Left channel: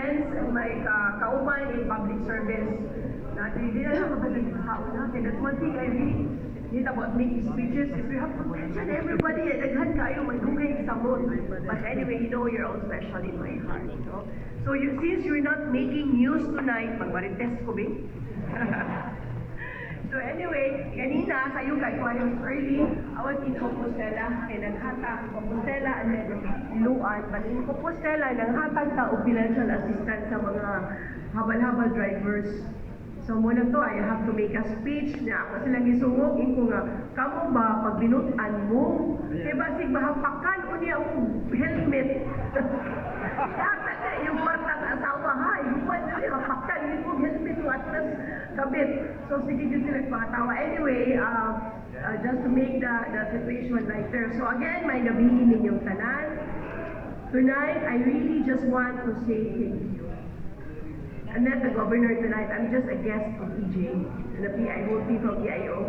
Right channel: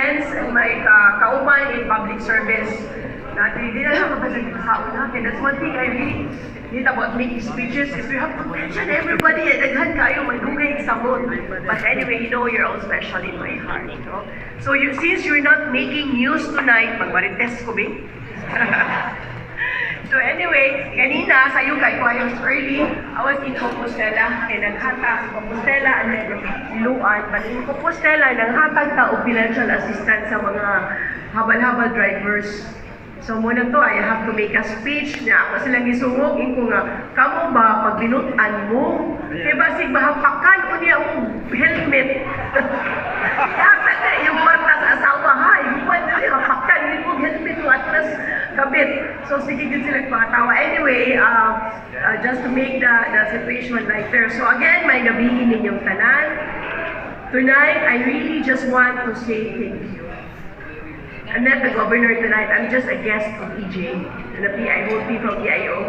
friends and my kauman in public service. Hindi na lang mabasag yung tao natin. That's one thing I really need about making speeches is we have to mention everybody at daghan kayo magdugay sa mood. But anyway, you're all special in my heart. So since you're not making news tonight, magmarites ko, ba? So anyway, kanina sa kay Quayos early, I was in Compostela, and naghatag Compostela and then Iluan. But in Compostela, naghatag ta og financial assistance sa mga habal-habal drivers. So muna to, I have to make a speech na ako silang isungog, ko nga, kamo ba pag binutan mo? Kaya basig mahapakan ko niya ang helmet. Yata na yung marta sa asawa, ha? Yung na niya, hapakan niya yung helmet mo at nas kabit. So sige din sila patawa. Anyway, just to make the situation lighter. So again, may gabihin ninyong tanan. Tonight, I really just want to say thank you. I'm not the governor tonight. I'm just a guest of EJ and the PIOT from PIO.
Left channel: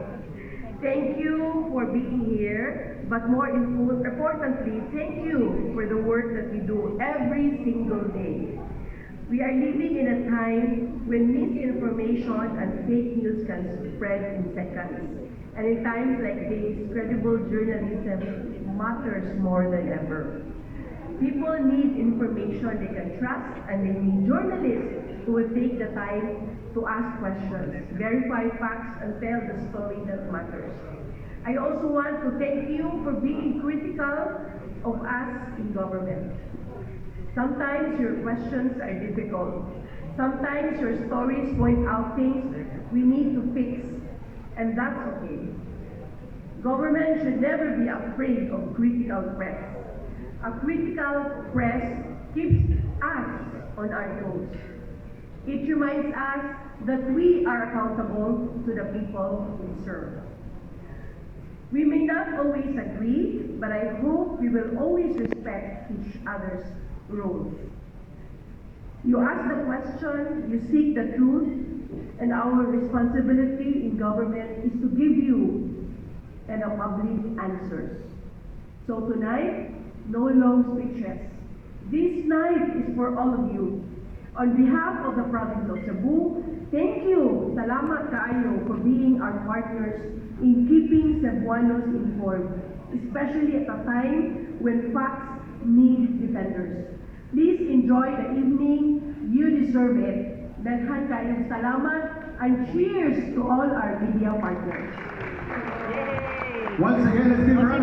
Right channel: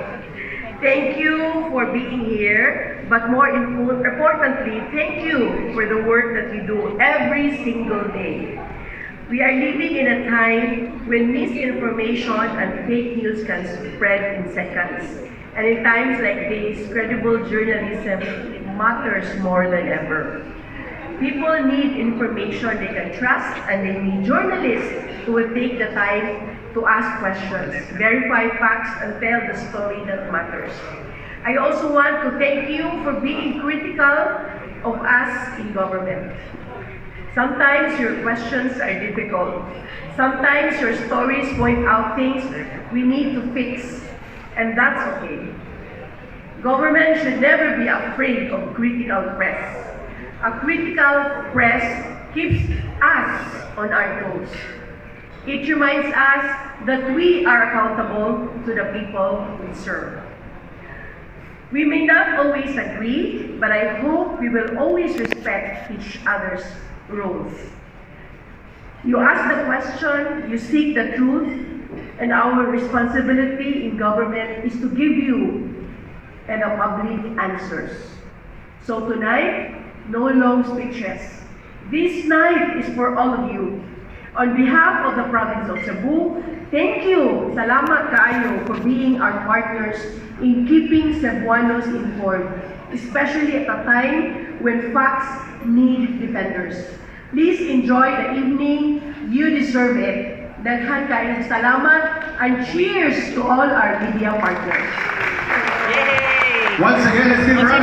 Thank you for being here, but more importantly, thank you for the work that you do every single day. We are living in a time when misinformation and fake news can spread in seconds. And in times like this, credible journalism matters more than ever. People need information they can trust, and they need journalists who will take the time to ask questions, verify facts, and tell the story that matters. I also want to thank you for being critical of us in government. Sometimes your questions are difficult. Sometimes your stories point out things we need to fix, and that's okay. Government should never be afraid of critical press. A critical press keeps us on our toes. It reminds us that we are accountable to the people we serve. We may not always agree, but I hope we will always respect each other's rules. You ask the question, you seek the truth, and our responsibility in government is to give you and the public answers. So tonight, no long speeches. This night is for all of you. On behalf of the province of Cebu, thank you, salamat kaayo for being our partners in keeping Cebuanos informed, especially at a time when facts need defenders. Please enjoy the evening. You deserve it. Daghan kayong salamat and cheers to all our media partners. Once again, let's give a round.